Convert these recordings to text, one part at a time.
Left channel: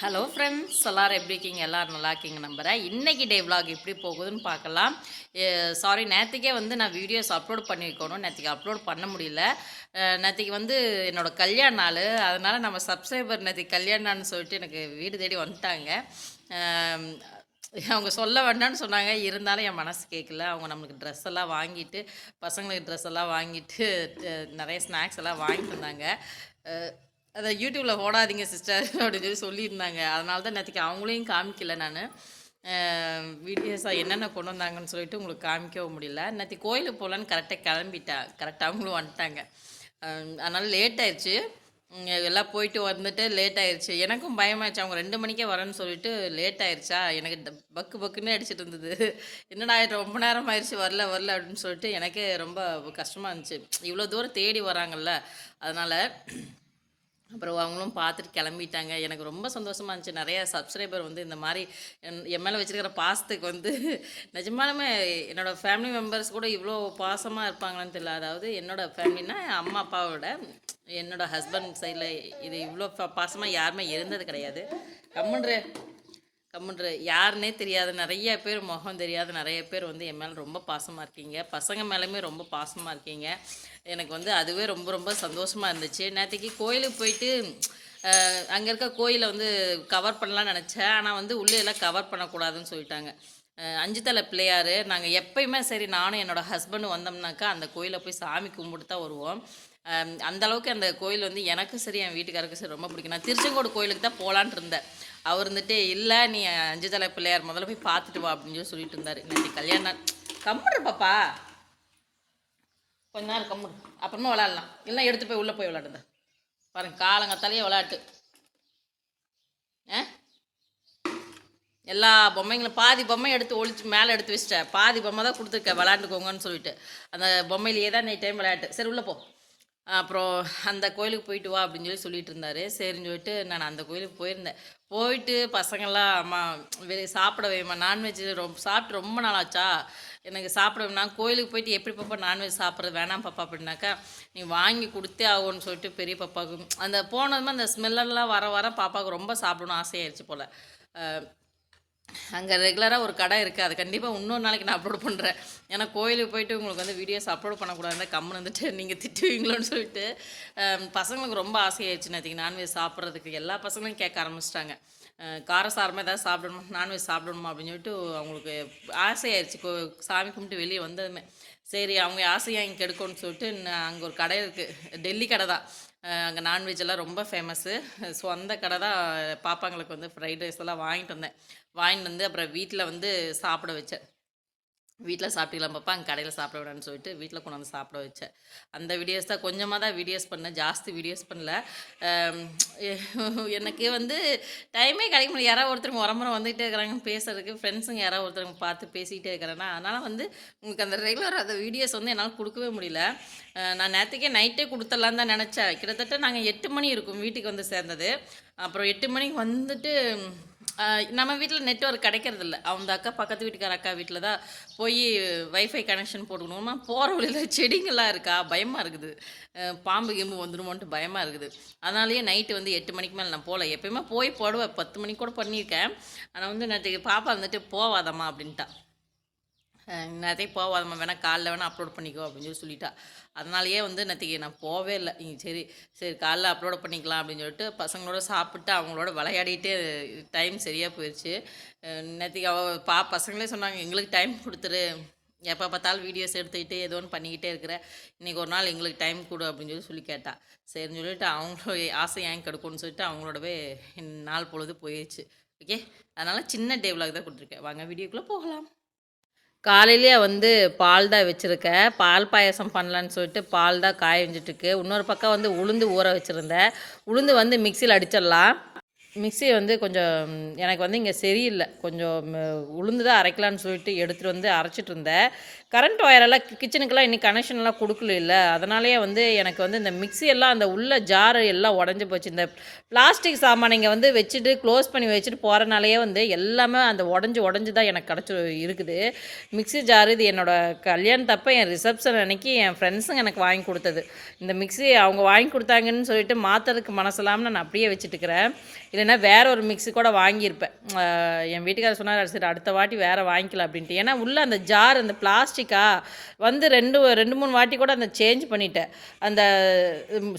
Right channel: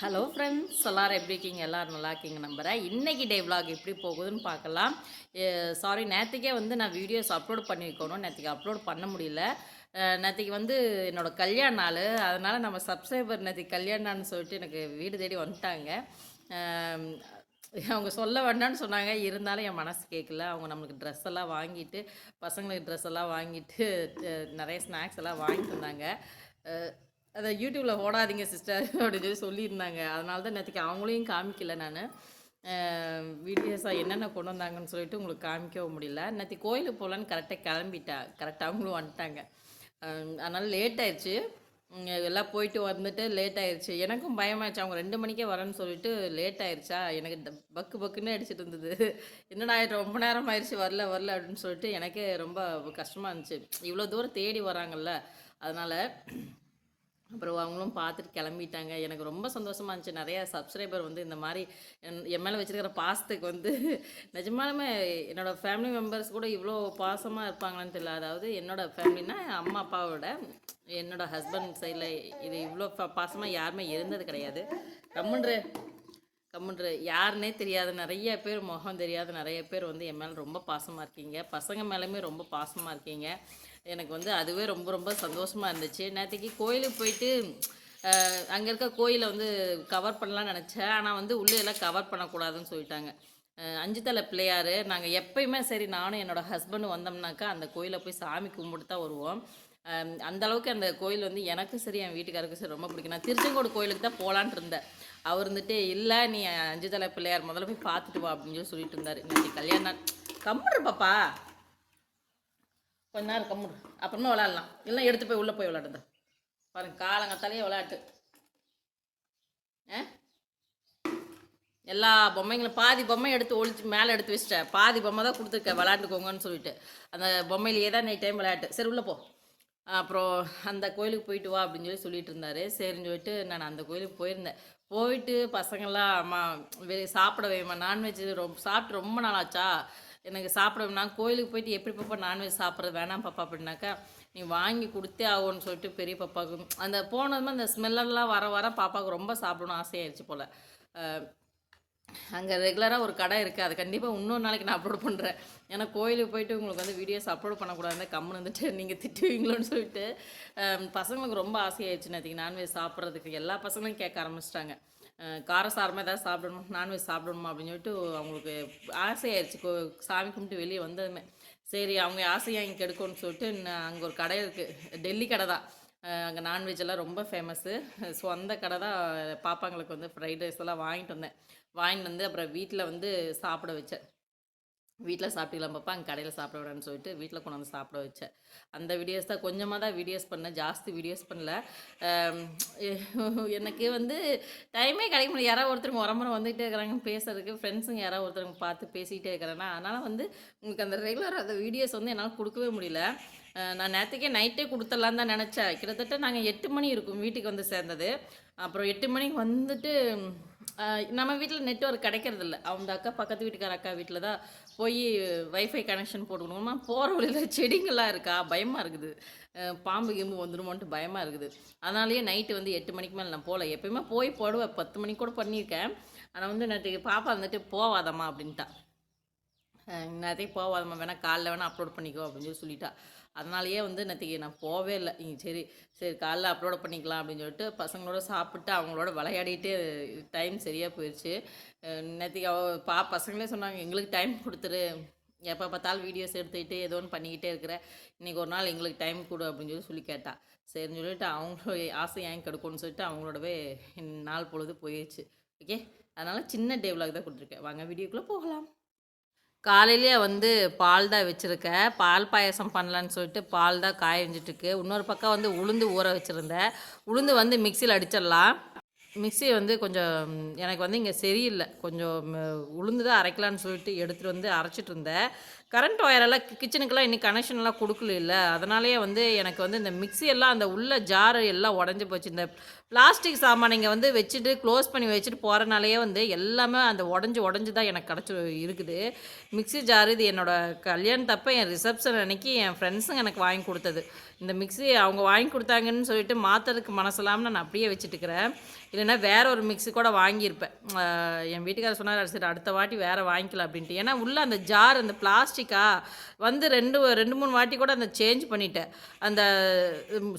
Hello friends எல்லாரும் எப்படி இருக்கீங்க? எல்லோரும் நல்லா இருக்கீங்க நம்புகிறேன் இன்றைக்கி டே விலாக் எப்படி போகுதுன்னு பார்க்கலாம். சாரி நேற்றுக்கே வந்து நான் வீடியோஸ் அப்லோட் பண்ணி வைக்கணும். நேற்றுக்கு அப்லோட் பண்ண முடியல. நேற்றுக்கு வந்து என்னோட கல்யாண நாள். அதனால் நம்ம சப்ஸ்கிரைபர் நேற்றுக்கு கல்யாண நாள்னு சொல்லிட்டு எனக்கு வீடு தேடி வந்துட்டாங்க. அவங்க சொல்ல வேண்டாம்னு சொன்னாங்க. இருந்தாலும் என் மனசு கேட்கல. அவங்க நம்மளுக்கு ட்ரெஸ் எல்லாம் வாங்கிட்டு பசங்களுக்கு ட்ரெஸ் எல்லாம் வாங்கிட்டு நிறைய ஸ்நாக்ஸ் எல்லாம் வாங்கிட்டு இருந்தாங்க. அதை யூடியூப்பில் போடாதீங்க சிஸ்டர் அப்படின்னு சொல்லி சொல்லியிருந்தாங்க. அதனால தான் நேற்றுக்கு அவங்களையும் காமிக்கல நான். வீடியோஸாக என்னென்ன கொண்டு வந்தாங்கன்னு சொல்லிட்டு உங்களுக்கு காமிக்கவும் முடியல. நேற்று கோயிலுக்கு போகலான்னு கரெக்டாக கிளம்பிட்டா கரெக்டாக அவங்களும் வந்துட்டாங்க. அதனால் அதனால லேட் ஆயிடுச்சு. எல்லாம் போயிட்டு வந்துட்டு லேட் ஆயிடுச்சு. எனக்கும் பயமாயிடுச்சு. அவங்க ரெண்டு மணிக்கே வரேன்னு சொல்லிட்டு லேட் ஆயிடுச்சா? எனக்கு பக்கு பக்குன்னு அடிச்சிட்டு இருந்தது. என்னடா ரொம்ப நேரம் ஆயிடுச்சு வரல வரல அப்படின்னு சொல்லிட்டு எனக்கே ரொம்ப கஷ்டமாக இருந்துச்சு. இவ்வளோ தூரம் தேடி வராங்கல்ல. அதனால் அப்புறம் அவங்களும் பார்த்துட்டு கிளம்பிட்டாங்க. எனக்கு ரொம்ப சந்தோஷமாக இருந்துச்சு. நிறைய சப்ஸ்கிரைபர் வந்து இந்த மாதிரி என் என் மேலே வச்சிருக்கிற பாசத்துக்கு வந்து நிஜமாலுமே என்னோட ஃபேமிலி மெம்பர்ஸ் கூட இவ்வளோ பாசமாக இருப்பாங்களான்னு தெரியல. அதாவது என்னோட ஃபேமிலினா அம்மா அப்பாவோட என்னோடய ஹஸ்பண்ட் சைடில் இது இவ்வளோ பாசமாக யாருமே இருந்தது கிடையாது. கம்முன்ற கம்முன்ற யாருன்னே தெரியாத. நிறைய பேர் முகம் தெரியாத. நிறைய பேர் வந்து என் மேலே ரொம்ப பாசமாக இருக்கீங்க. பசங்க மேலேயுமே ரொம்ப பாசமாக இருக்கீங்க. எனக்கு வந்து அதுவே ரொம்ப ரொம்ப சந்தோஷமாக இருந்துச்சு. நேற்றுக்கு கோயிலுக்கு போயிட்டு அங்கே இருக்க கோயிலை வந்து கவர் பண்ணலாம்னு நினச்சேன். ஆனால் வந்து உள்ளே எல்லாம் கவர் பண்ணக்கூடாதுன்னு சொல்லிட்டாங்க. அஞ்சு தலை பிள்ளையார். நாங்கள் எப்பயுமே சரி நானும் என்னோட ஹஸ்பண்டும் வந்தோம்னாக்கா அந்த கோயிலை போய் சாமி கும்பிட்டு தான் வருவோம். அந்தளவுக்கு அந்த அளவுக்கு அந்த கோயில் வந்து எனக்கும் சரி என் வீட்டுக்காருக்கும் சரி ரொம்ப பிடிக்கும். நான் திருச்செங்கோடு கோயிலுக்கு தான் போகலான் இருந்தேன். அவர் இருந்துட்டு இல்லை நீ அஞ்சு தலை பிள்ளையார் முதல்ல போய் பார்த்துட்டு வா அப்படின்னு சொல்லி சொல்லிட்டு இருந்தார். இன்னைக்கு கல்யாணம் கம்முடு பாப்பா. கொஞ்ச நாள் கம்முடு. அப்புறமா விளாடலாம். இல்லைன்னா எடுத்து போய் உள்ளே போய் விளாடுங்க. பாருங்க காலங்கத்தாலேயே விளாட்டு. ஆ? எல்லா பொம்மைங்களும் பாதி பொம்மை எடுத்து ஒழிச்சு மேலே எடுத்து வச்சிட்டேன். பாதி பொம்மை தான் கொடுத்துருக்கேன் விளாண்டுக்கோங்கன்னு சொல்லிட்டு. அந்த பொம்மையிலேயே தான் நீ டைம் விளையாட்டு. சரி உள்ளே போ. அப்புறம் அந்த கோயிலுக்கு போயிட்டு வா அப்படின்னு சொல்லி சொல்லிட்டு இருந்தாரு சரின்னு சொல்லிட்டு நான் அந்த கோயிலுக்கு போயிருந்தேன். போயிட்டு பசங்கள்லாம் அம்மா வெளியே சாப்பிட வேமா நான்வெஜ் ரொம்ப சாப்பிட்டு ரொம்ப நாள் ஆச்சா எனக்கு சாப்பிட வேணாம் நான் கோயிலுக்கு போயிட்டு எப்படி பாப்பா நான்வெஜ் சாப்பிட்றது வேணாம் பாப்பா அப்படின்னாக்கா நீ வாங்கி கொடுத்தே ஆகும்னு சொல்லிட்டு பெரிய பாப்பாவுக்கு அந்த போனதுமே அந்த ஸ்மெல்லெல்லாம் வர வர பாப்பாவுக்கு ரொம்ப சாப்பிடணும் ஆசையாயிருச்சு போல். அங்கே ரெகுலராக ஒரு கடை இருக்குது அது கண்டிப்பாக இன்னொரு நாளைக்கு நான் அப்லோட் பண்ணுறேன் ஏன்னா கோயிலுக்கு போயிட்டு உங்களுக்கு வந்து வீடியோஸ் அப்லோட் பண்ணக்கூடாது. கம்முன்னு வந்துட்டு நீங்கள் திட்டுவீங்களோன்னு சொல்லிட்டு பசங்களுக்கு ரொம்ப ஆசையாயிடுச்சு நேற்றுக்கு நான்வெஜ் சாப்பிட்றதுக்கு எல்லா பசங்களும் கேட்க ஆரம்பிச்சிட்டாங்க. காரசாரமாக ஏதாவது சாப்பிடணும் நான்வெஜ் சாப்பிடணுமா அப்படின்னு சொல்லிட்டு அவங்களுக்கு ஆசையாயிருச்சு கோ சாமி கும்பிட்டு வெளியே வந்ததுமே. சரி அவங்க ஆசையாக இங்கே கெடுக்கணும்னு சொல்லிட்டு அங்கே ஒரு கடை இருக்குது டெல்லி கடை தான். அங்கே நான்வெஜ் எல்லாம் ரொம்ப ஃபேமஸ்ஸு ஸோ அந்த கடை தான் பாப்பாங்களுக்கு வந்து ஃப்ரைட் ரைஸ் எல்லாம் வாங்கிட்டு வந்தேன். வாங்கிட்டு வந்து அப்புறம் வீட்டில் வந்து சாப்பிட வச்சேன். வீட்டில் சாப்பிட்டுக்கலாம் பாப்பா அங்கே கடையில் சாப்பிட விடன்னு சொல்லிட்டு வீட்டில் கொண்டு வந்து சாப்பிட வச்சேன். அந்த வீடியோஸ் தான் கொஞ்சமாக தான் வீடியோஸ் பண்ணேன். ஜாஸ்தி வீடியோஸ் பண்ணல. எனக்கு வந்து டைமே கிடைக்க முடியல. யாராவது ஒருத்தர் முறமுறை வந்துகிட்டே இருக்கிறாங்க பேசுறதுக்கு. ஃப்ரெண்ட்ஸுங்க யாராவது ஒருத்தருங்க பார்த்து பேசிக்கிட்டே இருக்கிறேன்னா அதனால் வந்து உங்களுக்கு அந்த ரெகுலர் அந்த வீடியோஸ் வந்து என்னால் கொடுக்கவே முடியல. நான் நேற்றுக்கே நைட்டே கொடுத்துடலான்னு தான் நினச்சேன். கிட்டத்தட்ட நாங்கள் எட்டு மணி இருக்கும் வீட்டுக்கு வந்து சேர்ந்தது. அப்புறம் எட்டு மணிக்கு வந்துட்டு நம்ம வீட்டில் நெட்ஒர்க் கிடைக்கிறது இல்லை அவங்க அக்கா பக்கத்து வீட்டுக்கார அக்கா வீட்டில் தான் போய் வைஃபை கனெக்ஷன் போட்டுக்கணுமா? போகிற வழியில் செடிங்கள்லாம் இருக்கா? பயமாக இருக்குது. பாம்பு கிம்பு வந்துடுமோன்ட்டு பயமாக இருக்குது. அதனாலேயே நைட்டு வந்து எட்டு மணிக்கு மேலே நான் போகல எப்பயுமே போய் போடுவேன் பத்து மணிக்கு கூட பண்ணியிருக்கேன். ஆனால் வந்து நேற்று பாப்பா வந்துட்டு போவாதம்மா அப்படின்ட்டா. நேரத்தையும் போவாதம்மா வேணால் காலைல வேணால் அப்லோட் பண்ணிக்கோ அப்படின்னு சொல்லி சொல்லிட்டா. அதனாலயே வந்து நேற்றுக்கு நான் போவே இல்லை. நீங்கள் சரி சரி காலைல அப்லோட் பண்ணிக்கலாம் அப்படின்னு சொல்லிட்டு பசங்களோட சாப்பிட்டு அவங்களோட விளையாடிட்டே டைம் சரியாக போயிடுச்சு நேற்றுக்கு அவ பா பசங்களே சொன்னாங்க எங்களுக்கு டைம் கொடுத்துரு. எப்போ பார்த்தாலும் வீடியோஸ் எடுத்துக்கிட்டு ஏதோ ஒன்று பண்ணிக்கிட்டே இருக்கிற. இன்றைக்கி ஒரு நாள் எங்களுக்கு டைம் கொடு அப்படின்னு சொல்லி சொல்லி கேட்டா. சரின்னு சொல்லிட்டு அவங்களோட ஆசை ஏன் கெடுக்கும்னு சொல்லிட்டு அவங்களோடவே நாள் பொழுது போயிடுச்சு ஓகே அதனால் சின்ன டே தான் கொடுத்துருக்கேன். வாங்க வீடியோக்குள்ளே போகலாம். காலையிலேயே வந்து பால் தான் வச்சுருக்கேன் பால் பாயசம் பண்ணலான்னு சொல்லிட்டு பால் தான் காய வச்சுட்டுருக்கு. இன்னொரு பக்கம் வந்து உளுந்து ஊற வச்சுருந்தேன். உளுந்து வந்து மிக்சியில் அடிச்சிடலாம். மிக்ஸி வந்து கொஞ்சம் எனக்கு வந்து இங்கே சரியில்லை. கொஞ்சம் உளுந்து தான் அரைக்கலான்னு சொல்லிட்டு எடுத்துகிட்டு வந்து அரைச்சிட்டு இருந்தேன். கரண்ட் ஒயரெல்லாம் கிச்சனுக்கெல்லாம் இன்னும் கனெக்ஷன்லாம் கொடுக்கல இல்லை அதனாலேயே வந்து எனக்கு வந்து இந்த மிக்ஸி எல்லாம் அந்த உள்ள ஜாரு எல்லாம் உடஞ்சி போச்சு. இந்த பிளாஸ்டிக் சாமானிங்க வந்து வச்சுட்டு க்ளோஸ் பண்ணி வச்சுட்டு போகிறனாலேயே வந்து எல்லாமே அந்த உடஞ்சி உடஞ்சி தான் எனக்கு கிடச்சி இருக்குது. மிக்ஸி ஜார் இது என்னோட கல்யாணத்தப்ப என் ரிசப்ஷன் அன்னைக்கு என் ஃப்ரெண்ட்ஸுங்க எனக்கு வாங்கி கொடுத்தது. இந்த மிக்ஸி அவங்க வாங்கி கொடுத்தாங்கன்னு சொல்லிட்டு மாற்றுறதுக்கு மனசில்லாமல் நான் அப்படியே வச்சுட்டுக்கிறேன். இல்லைன்னா வேற ஒரு மிக்ஸி கூட வாங்கியிருப்பேன். என் வீட்டுக்காரர் சொன்னார் சரி அடுத்த வாட்டி வேறு வாங்கிக்கலாம் அப்படின்ட்டு. ஏன்னா உள்ள அந்த ஜார் அந்த பிளாஸ்டிக்கா? வந்து ரெண்டு ரெண்டு மூணு வாட்டி கூட அந்த சேஞ்ச் பண்ணிட்டேன். அந்த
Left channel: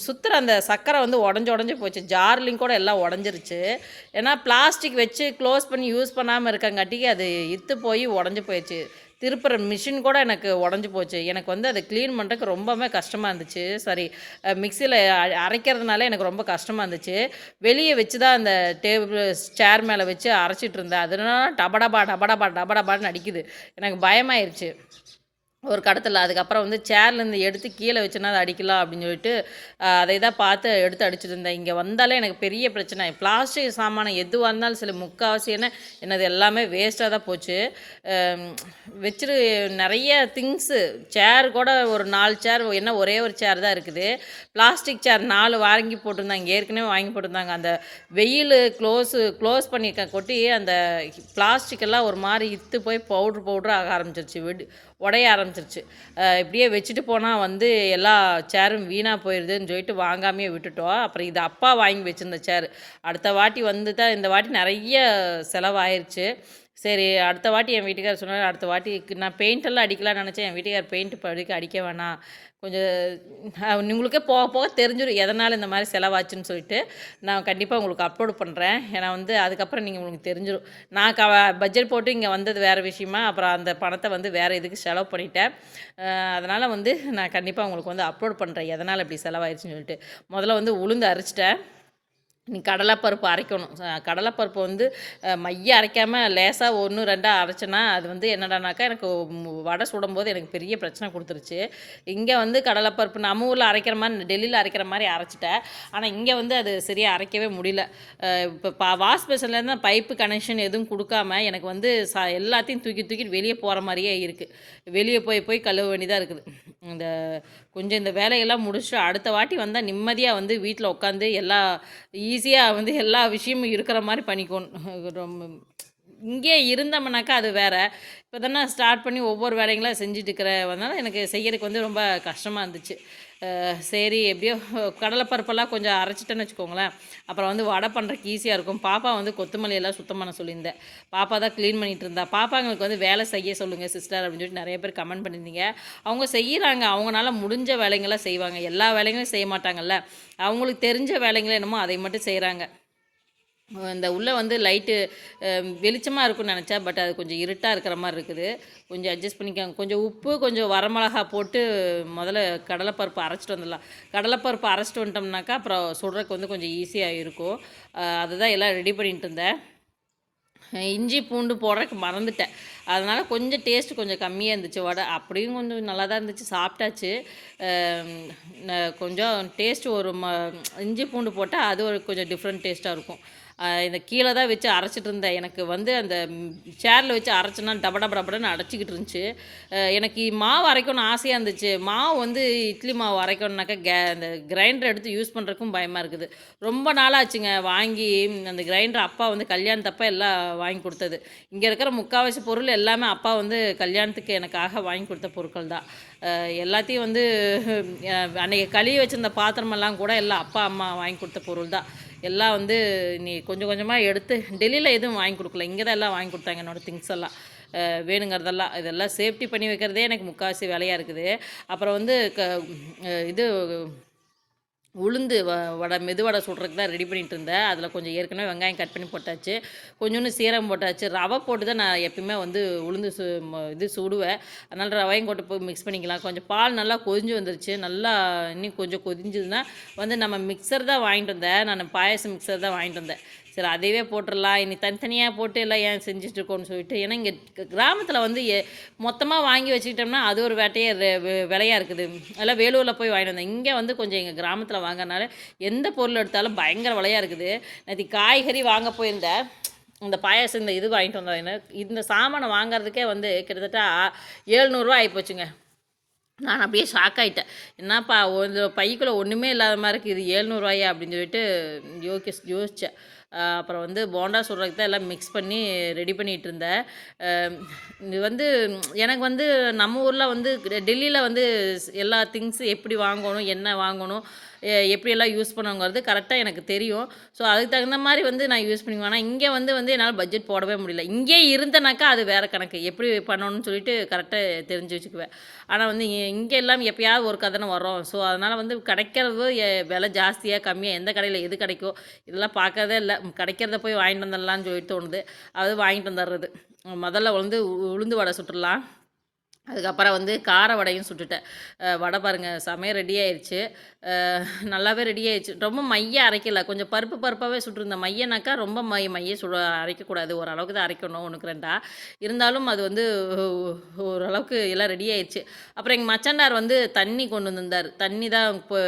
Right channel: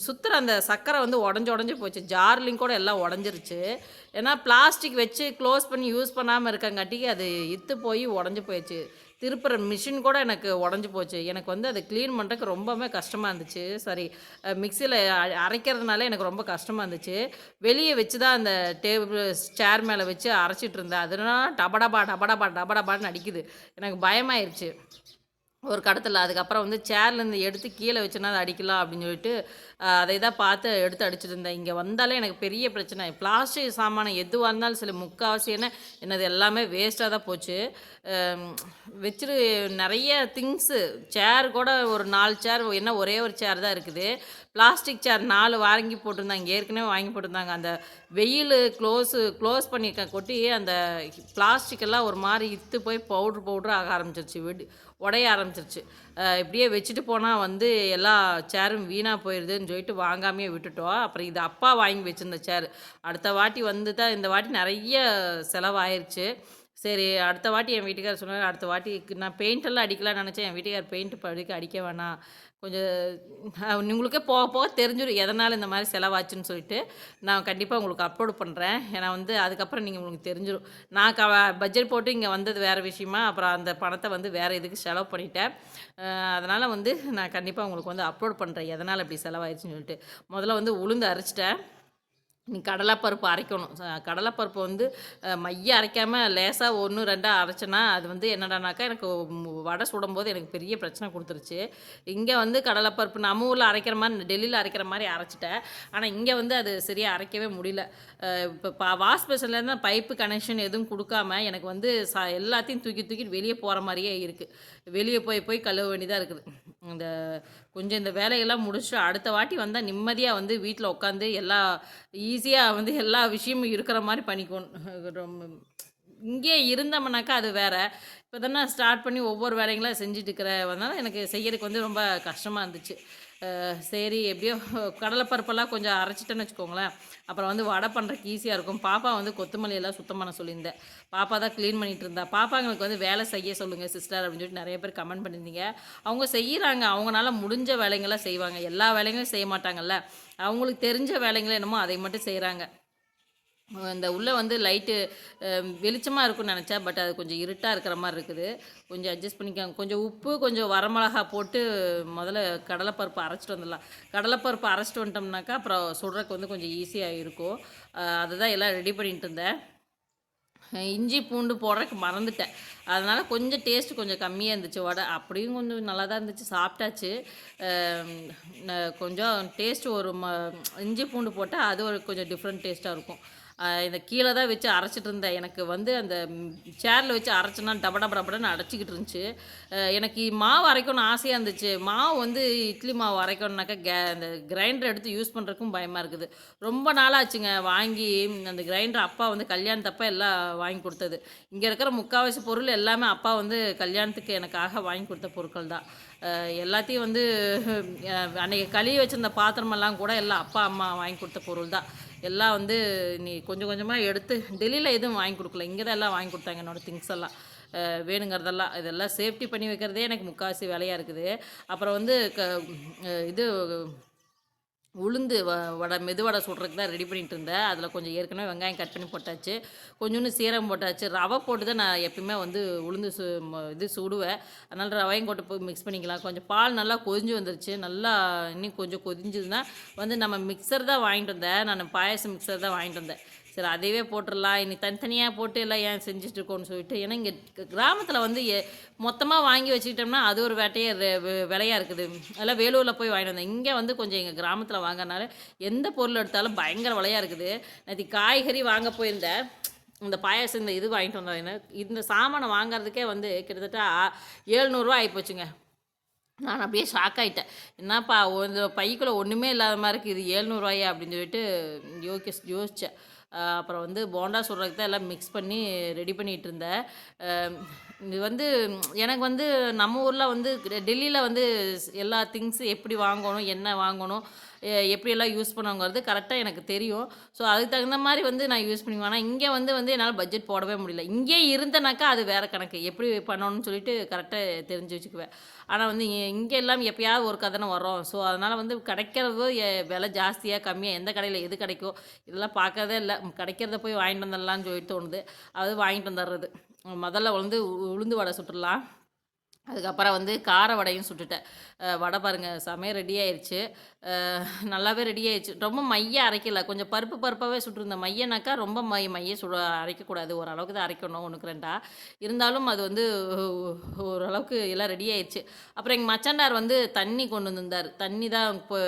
சுற்றுற சுத்துற அந்த சக்கரை வந்து உடஞ்சி உடஞ்சி போச்சு. ஜார்லிங் கூட எல்லாம் உடஞ்சிருச்சு. ஏன்னா பிளாஸ்டிக் வச்சு க்ளோஸ் பண்ணி யூஸ் பண்ணாமல் இருக்கங்காட்டிக்கு அது இத்து போய் உடஞ்சி போயிடுச்சு. திருப்புற மிஷின் கூட எனக்கு உடஞ்சி போச்சு. எனக்கு வந்து அதை க்ளீன் பண்ணுறதுக்கு ரொம்பவே கஷ்டமாக இருந்துச்சு. சரி மிக்சியில் அரைக்கிறதுனால எனக்கு ரொம்ப கஷ்டமாக இருந்துச்சு. வெளியே வச்சு தான் அந்த டேபிள் சேர் மேலே வச்சு அரைச்சிட்டு இருந்தேன். அதனால டபடபா டபடபா டபடபான்னு அடிக்குது. எனக்கு பயமாயிருச்சு. ஒரு கடத்தில். அதுக்கப்புறம் வந்து சேர்லேருந்து எடுத்து கீழே வச்சுனா அதை அடிக்கலாம் அப்படின்னு சொல்லிட்டு அதை தான் பார்த்து எடுத்து அடிச்சுட்டு இருந்தேன். இங்கே வந்தாலே எனக்கு பெரிய பிரச்சனை. பிளாஸ்டிக் சாமானம் எதுவாக இருந்தாலும் சில முக்கால்வாசி என்ன என்னது எல்லாமே வேஸ்ட்டாக தான் போச்சு. வச்சுரு வச்சிரு நிறைய திங்ஸு சேர் கூட ஒரு நாலு சேர் என்ன ஒரே ஒரு சேர் தான் இருக்குது. பிளாஸ்டிக் சேர் நாலு வாங்கி போட்டிருந்தாங்க. ஏற்கனவே வாங்கி போட்டிருந்தாங்க. அந்த வெயில் க்ளோஸு க்ளோஸ் பண்ணியிருக்க கொட்டி அந்த பிளாஸ்டிக்கெல்லாம் ஒரு மாதிரி இத்து போய் பவுட்ரு பவுட்ரு ஆக ஆரம்பிச்சிருச்சு. விடு உடைய ஆரம்பிச்சிருச்சு. இப்படியே வச்சுட்டு போனால் வந்து எல்லா சேரும் வீணாக போயிடுதுன்னு சொல்லிட்டு வாங்காமையே விட்டுட்டோம். அப்புறம் இது அப்பா வாங்கி வச்சிருந்த சேர் அடுத்த வாட்டி வந்து தான் இந்த வாட்டி நிறைய செலவாயிருச்சு. சரி அடுத்த வாட்டி என் வீட்டுக்கார் சொன்னார் அடுத்த வாட்டி நான் பெயிண்ட் எல்லாம் அடிக்கலாம்னு நினச்சேன். என் வீட்டுக்கார் பெயிண்ட் படிக்க அடிக்க அடிக்க வேணாம். கொஞ்சம் உங்களுக்கே போக போக தெரிஞ்சிடும் எதனால் இந்த மாதிரி செலவாச்சுன்னு சொல்லிட்டு. நான் கண்டிப்பாக உங்களுக்கு அப்லோட் பண்ணுறேன் ஏன்னா வந்து அதுக்கப்புறம் நீங்கள் உங்களுக்கு தெரிஞ்சிடும் நான் க பட்ஜெட் போட்டு இங்கே வந்தது வேறு விஷயமா அப்புறம் அந்த பணத்தை வந்து வேறு இதுக்கு செலவு பண்ணிட்டேன். அதனால் வந்து நான் கண்டிப்பாக உங்களுக்கு வந்து அப்லோட் பண்ணுறேன் எதனால் இப்படி செலவாயிடுச்சுன்னு சொல்லிட்டு. முதல்ல வந்து உளுந்து அரைச்சிட்டேன். நீ கடலைப்பருப்பு அரைக்கணும். கடலைப்பருப்பு வந்து மைய அரைக்காமல் லேசாக ஒன்று ரெண்டாக அரைச்சேன்னா அது வந்து என்னடானாக்கா எனக்கு வடை சுடும்போது எனக்கு பெரிய பிரச்சனை கொடுத்துருச்சு. இங்கே வந்து கடலைப்பருப்பு நம்ம ஊரில் அரைக்கிற மாதிரி டெல்லியில் அரைக்கிற மாதிரி அரைச்சிட்டேன். ஆனால் இங்கே வந்து அது சரியாக அரைக்கவே முடியல. இப்போ பா வாஷ் பைப்பு கனெக்ஷன் எதுவும் கொடுக்காம எனக்கு வந்து ச எல்லாத்தையும் தூக்கி தூக்கிட்டு வெளியே போகிற மாதிரியே இருக்குது வெளியே போய் போய் கழுவ வேண்டியதாக இருக்குது. இந்த கொஞ்சம் இந்த வேலையெல்லாம் முடிச்சுட்டு அடுத்த வாட்டி வந்தால் நிம்மதியாக வந்து வீட்டில் உட்காந்து எல்லா ஈஸியாக வந்து எல்லா விஷயமும் இருக்கிற மாதிரி பண்ணிக்கணும். ரொம்ப இங்கே இருந்தோம்னாக்கா அது வேறு. இப்போ தானே ஸ்டார்ட் பண்ணி ஒவ்வொரு வேலைங்களாக செஞ்சுட்டு இருக்கிறவனால எனக்கு செய்யறதுக்கு வந்து ரொம்ப கஷ்டமாக இருந்துச்சு. சரி எப்படியோ கடலைப்பருப்பெல்லாம் கொஞ்சம் அரைச்சிட்டேன்னு வச்சுக்கோங்களேன். அப்புறம் வந்து வடை பண்ணுறதுக்கு ஈஸியாக இருக்கும். பாப்பா வந்து கொத்தமல்லி எல்லாம் சுத்தம் பண்ண சொல்லியிருந்தேன் பாப்பா தான் க்ளீன் பண்ணிட்டு இருந்தா. பாப்பாங்களுக்கு வந்து வேலை செய்ய சொல்லுங்கள் சிஸ்டர் அப்படின்னு சொல்லிட்டு நிறைய பேர் கமெண்ட் பண்ணியிருந்தீங்க. அவங்க செய்கிறாங்க அவங்களால முடிஞ்ச வேலைங்களாம் செய்வாங்க. எல்லா வேலைகளும் செய்ய மாட்டாங்கல்ல. அவங்களுக்கு தெரிஞ்ச வேலைங்களே என்னமோ அதை மட்டும் செய்கிறாங்க இந்த உள்ளே வந்து லைட்டு வெளிச்சமாக இருக்கும்னு நினச்சேன் பட் அது கொஞ்சம் இருட்டாக இருக்கிற மாதிரி இருக்குது. கொஞ்சம் அட்ஜஸ்ட் பண்ணிக்கோங்க. கொஞ்சம் உப்பு கொஞ்சம் வரமிளகா போட்டு முதல்ல கடலைப்பருப்பு அரைச்சிட்டு வந்துடலாம். கடலைப்பருப்பு அரைச்சிட்டு வந்துட்டோம்னாக்கா அப்புறம் சுடுறதுக்கு வந்து கொஞ்சம் ஈஸியாக இருக்கும். அதுதான் எல்லாம் ரெடி பண்ணிட்டு இருந்தேன். இஞ்சி பூண்டு போடுறதுக்கு மறந்துட்டேன். அதனால் கொஞ்சம் டேஸ்ட் கொஞ்சம் கம்மியாக இருந்துச்சு. வடை அப்படியும் கொஞ்சம் நல்லா தான் இருந்துச்சு. சாப்பிட்டாச்சு. கொஞ்சம் டேஸ்ட் ஒரு ம இஞ்சி பூண்டு போட்டால் அது ஒரு கொஞ்சம் டிஃப்ரெண்ட் டேஸ்ட்டாக இருக்கும். இந்த கீழே தான் வச்சு அரைச்சிட்டு இருந்தேன். எனக்கு வந்து அந்த சேரில் வச்சு அரைச்சோன்னா டப டப டபடன்னு அடைச்சிக்கிட்டு இருந்துச்சு. எனக்கு மாவு அரைக்கணும்னு ஆசையாக இருந்துச்சு. மாவு வந்து இட்லி மாவு அரைக்கணும்னாக்கா கே அந்த கிரைண்டர் எடுத்து யூஸ் பண்ணுறக்கும் பயமாக இருக்குது. ரொம்ப நாளாச்சுங்க வாங்கி அந்த கிரைண்டர் அப்பா வந்து கல்யாணத்தப்ப எல்லாம் வாங்கி கொடுத்தது. இங்கே இருக்கிற முக்கால்வாசி பொருள் எல்லாமே அப்பா வந்து கல்யாணத்துக்கு எனக்காக வாங்கி கொடுத்த பொருட்கள் தான். எல்லாத்தையும் வந்து அன்றைக்கி கழுவி வச்சிருந்த பாத்திரமெல்லாம் கூட எல்லாம் அப்பா அம்மா வாங்கி கொடுத்த பொருள் தான். எல்லாம் வந்து நீ கொஞ்சம் கொஞ்சமாக எடுத்து டெல்லியில் எதுவும் வாங்கி கொடுக்கல. இங்கே தான் எல்லாம் வாங்கி கொடுத்தாங்க என்னோடய திங்ஸ் எல்லாம். வேணுங்கிறதெல்லாம் இதெல்லாம் சேஃப்டி பண்ணி வைக்கிறதே எனக்கு முக்கால்வாசி வேலையாக இருக்குது. அப்புறம் வந்து க இது உளுந்து வ வடை மெதுவடை சுடுறதுக்கு தான் ரெடி பண்ணிட்டு இருந்தேன். அதில் கொஞ்சம் ஏற்கனவே வெங்காயம் கட் பண்ணி போட்டாச்சு. கொஞ்சோண்டு சீரகம் போட்டாச்சு. ரவை போட்டு தான் நான் எப்பயுமே வந்து உளுந்து சு இது சுடுவேன். அதனால் ரவையும் போட்டு போய் மிக்ஸ் பண்ணிக்கலாம். கொஞ்சம் பால் நல்லா கொதிஞ்சு வந்துருச்சு. நல்லா இன்னும் கொஞ்சம் கொதிஞ்சதுன்னா வந்து நம்ம மிக்சர் தான் வாங்கிட்டு வந்தேன். நான் பாயாசம் மிக்சர் தான் வாங்கிட்டு வந்தேன். சரி அதையவே போட்டுடலாம் இனி தனித்தனியாக போட்டு எல்லாம் ஏன் செஞ்சுட்டு இருக்கோம்னு சொல்லிட்டு ஏன்னா இங்கே கிராமத்தில் வந்து மொத்தமாக வாங்கி வச்சுக்கிட்டோம்னா அது ஒரு வேட்டையே விலையாக இருக்குது. அதெல்லாம் வேலூரில் போய் வாங்கிட்டு வந்தேன். இங்கே வந்து கொஞ்சம் எங்கள் கிராமத்தில் வாங்கினால எந்த பொருள் எடுத்தாலும் பயங்கர விலையாக இருக்குது. நேற்று காய்கறி வாங்க போயிருந்தேன். இந்த பாயாசம் இந்த இது வாங்கிட்டு வந்தேன் இந்த சாமானை வாங்குறதுக்கே வந்து கிட்டத்தட்ட ஏழ்நூறுரூவா ஆகிப்போச்சுங்க நான் அப்படியே ஷாக் ஆகிட்டேன் என்னப்பா ஒரு பைக்குள்ளே ஒன்றுமே இல்லாத மாதிரி இருக்குது. இது ஏழ்நூறுவாயா அப்படின்னு சொல்லிட்டு யோகி யோசித்தேன் அப்புறம் வந்து போண்டா சுடுறதுக்கு தான் எல்லாம் மிக்ஸ் பண்ணி ரெடி பண்ணிகிட்டு இருந்தேன் இது வந்து எனக்கு வந்து நம்ம ஊரில் வந்து டெல்லியில் வந்து எல்லா திங்ஸு எப்படி வாங்கணும் என்ன வாங்கணும் எப்படியெல்லாம் யூஸ் பண்ணுவோங்கிறது கரெக்டாக எனக்கு தெரியும். ஸோ அதுக்கு தகுந்த மாதிரி வந்து நான் யூஸ் பண்ணிக்குவேன். ஆனால் இங்கே வந்து வந்து என்னால் பட்ஜெட் போடவே முடியல. இங்கே இருந்தனாக்கா அது வேறு கணக்கு. எப்படி பண்ணணும்னு சொல்லிட்டு கரெக்டாக தெரிஞ்சு வச்சுக்குவேன். ஆனால் வந்து இங்கே எல்லாம் எப்பயாவது ஒரு கதனை வரும். ஸோ அதனால் வந்து கிடைக்கிறது எ- விலை ஜாஸ்தியாக கம்மியாக எந்த கடையில் எது கிடைக்கோ இதெல்லாம் பார்க்கறதே இல்லை. கிடைக்கிறத போய் வாங்கிட்டு வந்துடலாம்னு சொல்லிட்டு தோணுது. அது வாங்கிட்டு வந்துடுறது. முதல்ல வந்து உளுந்து வடை சுட்டுடலாம். அதுக்கப்புறம் வந்து கார வடையும் சுட்டுட்டேன். வடை பாருங்கள் சமையல் ரெடி ஆயிடுச்சு நல்லாவே ரெடி ஆயிடுச்சு. ரொம்ப மைய அரைக்கல. கொஞ்சம் பருப்பு பருப்பாகவே சுட்டிருந்தேன் மையனாக்கா ரொம்ப மை மைய சுட அரைக்கக்கூடாது. ஓரளவுக்கு தான் அரைக்கணும். ஒன்றுக்கு ரெண்டா. இருந்தாலும் அது வந்து ஓரளவுக்கு எல்லாம் ரெடி ஆயிடுச்சு. அப்புறம் எங்கள் மச்சண்டார் வந்து தண்ணி கொண்டு வந்திருந்தார். தண்ணி தான் இப்போ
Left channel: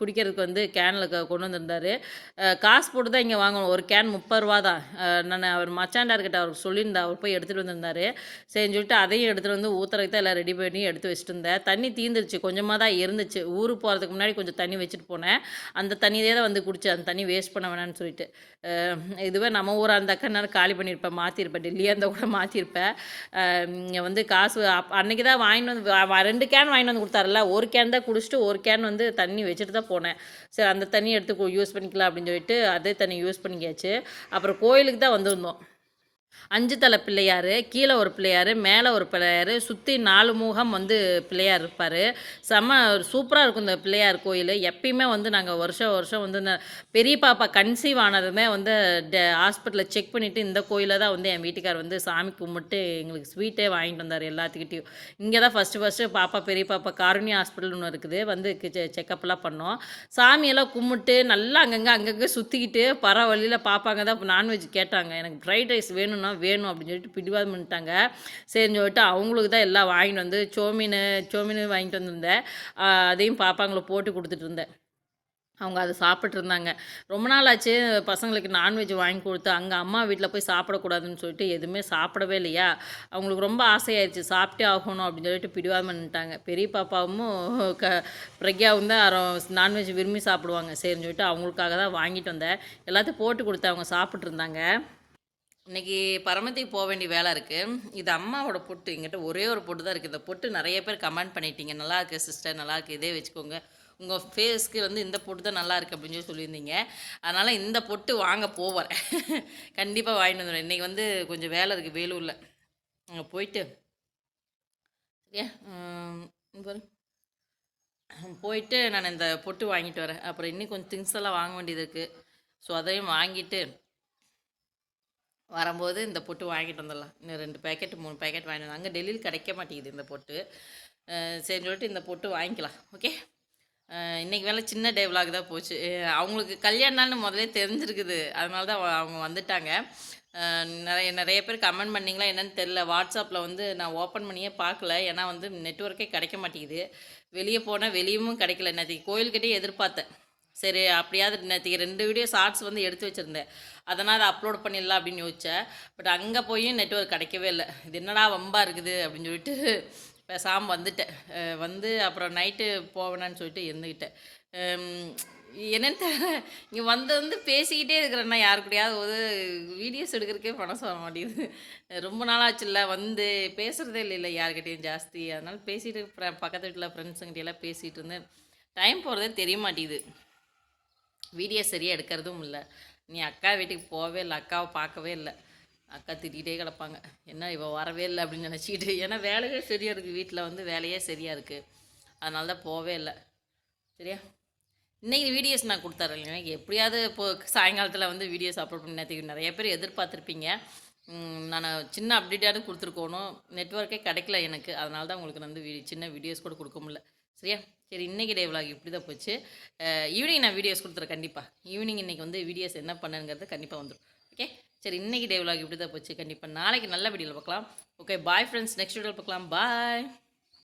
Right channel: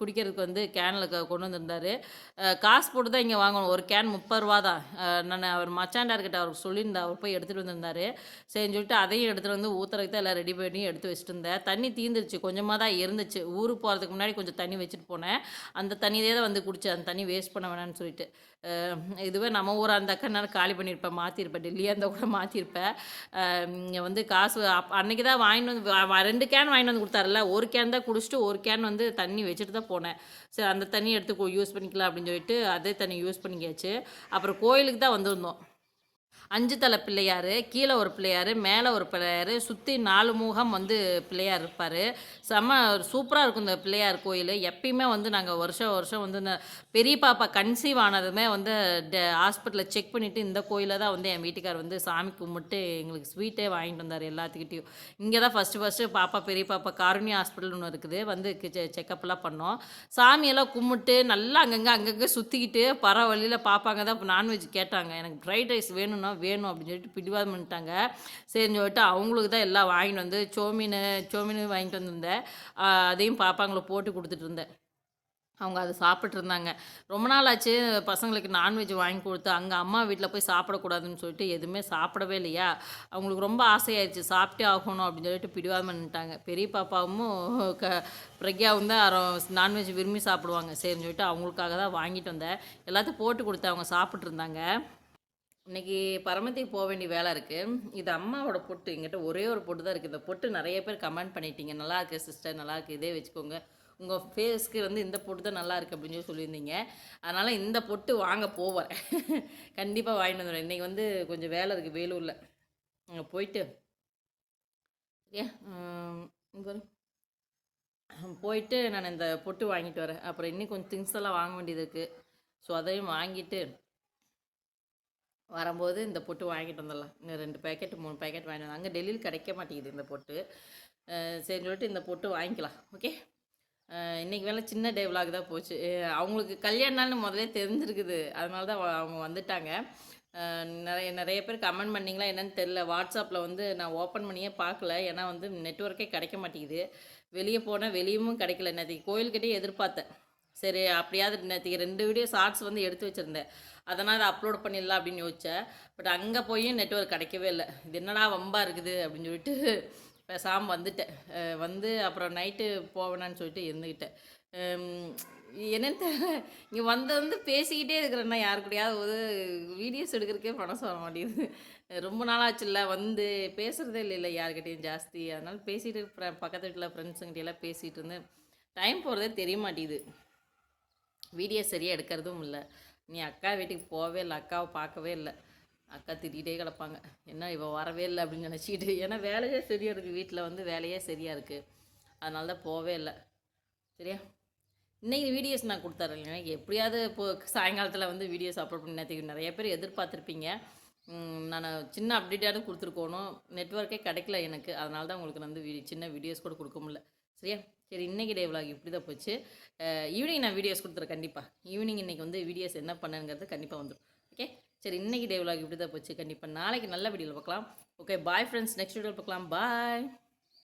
குடிக்கிறதுக்கு வந்து கேனில் கொண்டு வந்திருந்தார். காசு போட்டு தான் இங்கே வாங்கணும். ஒரு கேன் முப்பது ரூபா தான். நான் அவர் மச்சாண்டார்கிட்ட அவருக்கு சொல்லியிருந்தேன் அவர் போய் எடுத்துகிட்டு வந்திருந்தார். சரின்னு சொல்லிட்டு அதையும் எடுத்துகிட்டு வந்து ஊற்றுறதுக்கு தான் எல்லாம் ரெடி பண்ணி எடுத்து வச்சுட்டு இருந்தேன். தண்ணி தீந்துருச்சு. கொஞ்சமாக தான் இருந்துச்சு. ஊருக்கு போகிறதுக்கு முன்னாடி கொஞ்சம் தண்ணி வச்சுட்டு போனேன். அந்த தண்ணியே தான் வந்து குடித்தேன் அந்த தண்ணி வேஸ்ட் பண்ண வேணான்னு சொல்லிட்டு. இதுவே நம்ம ஊராக இருந்தாக்கா நான் காலி பண்ணியிருப்பேன் மாற்றிருப்பேன் டெல்லியாக இருந்தால் கூட மாற்றிருப்பேன் இங்கே வந்து காசு அப் அன்றைக்கி தான் வாங்கிட்டு வந்து ரெண்டு கேன் வாங்கிட்டு வந்து கொடுத்தாருல ஒரு கேன் தான் குடிச்சிட்டு ஒரு கேன் வந்து தண்ணி வச்சுட்டு தான் போனேன். சரி அந்த தண்ணி எடுத்து யூஸ் பண்ணிக்கலாம் அப்படின்னு சொல்லிட்டு அதே தண்ணி யூஸ் பண்ணிக்காச்சு அப்புறம் கோயிலுக்கு தான் வந்திருந்தோம். அஞ்சு தலை பிள்ளையார் கீழே ஒரு பிள்ளையார் மேலே ஒரு பிள்ளையார் சுற்றி நாலு முகம் வந்து பிள்ளையார் இருப்பார். செம்ம சூப்பராக இருக்கும் இந்த பிள்ளையார் கோயில். எப்பயுமே வந்து நாங்கள் வருஷம் வருஷம் வந்து இந்த பெரிய பாப்பா கன்சீவ் ஆனதுமே வந்து ஹாஸ்பிட்டலில் செக் பண்ணிவிட்டு இந்த கோயிலில் தான் வந்து என் வீட்டுக்கார் வந்து சாமி கும்பிட்டு எங்களுக்கு ஸ்வீட்டே வாங்கிட்டு வந்தார் எல்லாத்துக்கிட்டையும். இங்கே தான் ஃபஸ்ட்டு ஃபஸ்ட்டு பாப்பா பெரிய பாப்பா காருண்யா ஹாஸ்பிட்டல் ஒன்று இருக்குது. வந்து செக்கப்லாம் பண்ணோம். சாமியெல்லாம் கும்பிட்டு நல்லா அங்கங்கே அங்கங்கே சுற்றிக்கிட்டு பரவாயில்ல பாப்பாங்க தான் நான்வெஜ் கேட்டாங்க. எனக்கு ஃப்ரைட் ரைஸ் வேணும்னா வேணும் அப்படின்னு சொல்லிட்டு பிடிவாதம் பண்ணிட்டாங்க. சரின்னு சொல்லிட்டு அவங்களுக்கு தான் எல்லாம் வாங்கிட்டு வந்து சோமீன் சோமீன் வாங்கிட்டு வந்திருந்தேன். அதையும் பாப்பாங்களை போட்டு கொடுத்துட்டு இருந்தேன். அவங்க அதை சாப்பிட்ருந்தாங்க ரொம்ப நாள் ஆச்சு பசங்களுக்கு நான்வெஜ் வாங்கி கொடுத்து அங்கே அம்மா வீட்டில் போய் சாப்பிடக்கூடாதுன்னு சொல்லிட்டு எதுவுமே சாப்பிடவே இல்லையா? அவங்களுக்கு ரொம்ப ஆசையாயிருச்சு. சாப்பிட்டே ஆகணும் அப்படின்னு சொல்லிட்டு பிடிவாதம் பண்ணிட்டாங்க. பெரிய பாப்பாவும் க பிரக்யாவும் தான் நான்வெஜ் விரும்பி சாப்பிடுவாங்க. சரின்னு சொல்லிட்டு அவங்களுக்காக தான் வாங்கிட்டு வந்தேன். எல்லாத்தையும் போட்டு கொடுத்து அவங்க சாப்பிட்ருந்தாங்க இன்னைக்கு பரமத்திக்கு போக வேண்டிய வேலை இருக்குது இது அம்மாவோட பொட்டு எங்கிட்ட ஒரே ஒரு பொட்டு தான் இருக்குது இந்த பொட்டு நிறைய பேர் கமெண்ட் பண்ணிட்டீங்க. நல்லா இருக்கு சிஸ்டர் நல்லா இருக்கு. இதே வச்சுக்கோங்க. உங்கள் ஃபேஸ்க்கு வந்து இந்த பொட்டு தான் நல்லா இருக்கு அப்படின்னு சொல்லி சொல்லியிருந்தீங்க. அதனால் இந்த பொட்டு வாங்க போவேன். கண்டிப்பாக வாங்கிட்டு வந்துடுவேன் இன்றைக்கி வந்து கொஞ்சம் வேலை இருக்குது வேலூரில். அங்கே போயிட்டு போயிட்டு நான் இந்த பொட்டு வாங்கிட்டு வரேன். அப்புறம் இன்னும் கொஞ்சம் திங்ஸ் எல்லாம் வாங்க வேண்டியது இருக்குது ஸோ அதையும் வாங்கிட்டு வரும்போது இந்த பொட்டு வாங்கிட்டு வந்துடலாம் இன்னும் ரெண்டு பேக்கெட் மூணு பேக்கெட் வாங்கிட்டு அங்கே டெல்லியில் கிடைக்க மாட்டேங்குது இந்த பொட்டு. சரி சொல்லிட்டு இந்த பொட்டு வாங்கிக்கலாம். ஓகே? இன்றைக்கி வேலை சின்ன டே விலாக் தான் போச்சு. அவங்களுக்கு கல்யாண நாள்னு முதல்ல தெரிஞ்சிருக்குது. அதனால தான் அவங்க வந்துட்டாங்க. நிறைய நிறைய பேர் கமெண்ட் பண்ணீங்களா என்னென்னு தெரில வாட்ஸ்அப்பில் வந்து நான் ஓப்பன் பண்ணியே பார்க்கல. ஏன்னா வந்து நெட்ஒர்க்கே கிடைக்க மாட்டேங்குது. வெளியே போனால் வெளியவும் கிடைக்கல. நேற்றுக்கு கோயில்கிட்டே எதிர்பார்த்தேன். சரி அப்படியாவது நேற்றுக்கு ரெண்டு வீடியோ ஷார்ட்ஸ் வந்து எடுத்து வச்சுருந்தேன். அதனால் அதை அப்லோட் பண்ணிடலாம் அப்படின்னு யோசித்தேன் பட் அங்கே போய் நெட்ஒர்க் கிடைக்கவே இல்லை. இது என்னடா வம்பாக இருக்குது அப்படின்னு சொல்லிட்டு பேசாமல் வந்துட்டேன். வந்து அப்புறம் நைட்டு போவேனான்னு சொல்லிட்டு இருந்துக்கிட்டேன் என்னென்னு என்னன்னு தெரியல. இங்கே வந்து வந்து பேசிக்கிட்டே இருக்கிறேன்னா யாரு கூடயாவது ஒரு வீடியோஸ் எடுக்கிறதுக்கே மனசு வர மாட்டேங்குது. ரொம்ப நாளாச்சுல்ல வந்து பேசுகிறதே இல்லை இல்லை யாருக்கிட்டையும் ஜாஸ்தி. அதனால் பேசிட்டு பக்கத்து வீட்டில் ஃப்ரெண்ட்ஸுங்கிட்டெல்லாம் பேசிகிட்டு இருந்தேன். டைம் போகிறதே தெரிய மாட்டேங்குது. வீடியோ சரியாக எடுக்கிறதும் இல்லை. நீ அக்கா வீட்டுக்கு போகவே இல்லை அக்காவை பார்க்கவே இல்லை. அக்கா திட்டிகிட்டே கிடப்பாங்க. என்ன இவள் வரவே இல்லை அப்படின்னு நினச்சிக்கிட்டு ஏன்னா வேலையே சரியாக இருக்குது வீட்டில் வந்து வேலையே சரியாக இருக்குது அதனால தான் போகவே இல்லை. சரியா? இன்றைக்கி வீடியோஸ் நான் கொடுத்துறேன் எனக்கு எப்படியாவது இப்போ சாயங்காலத்தில் வந்து வீடியோஸ் அப்லோட் பண்ணி நேற்றுக்கு நிறைய பேர் எதிர்பார்த்துருப்பீங்க. நான் சின்ன அப்டேட்டாவது கொடுத்துருக்கோணும். நெட்ஒர்க்கே கிடைக்கல எனக்கு. அதனால தான் உங்களுக்கு வந்து வீ- சின்ன வீடியோஸ் கூட கொடுக்க முடியல. சரியா? சரி இன்றைக்கி டே விலாக் இப்படி தான் போச்சு ஈவினிங் நான் வீடியோஸ் கொடுத்துறேன் கண்டிப்பாக ஈவினிங் இன்றைக்கி வந்து வீடியோஸ் என்ன பண்ணுங்கிறது கண்டிப்பாக வந்துடும் ஓகே சரி இன்றைக்கி டே விலாக் இப்படி தான் போச்சு கண்டிப்பாக நாளைக்கு நல்ல வீடியோவில் பார்க்கலாம். ஓகே பாய் ஃப்ரெண்ட்ஸ் நெக்ஸ்ட் வீடியோவில் பார்க்கலாம். பாய்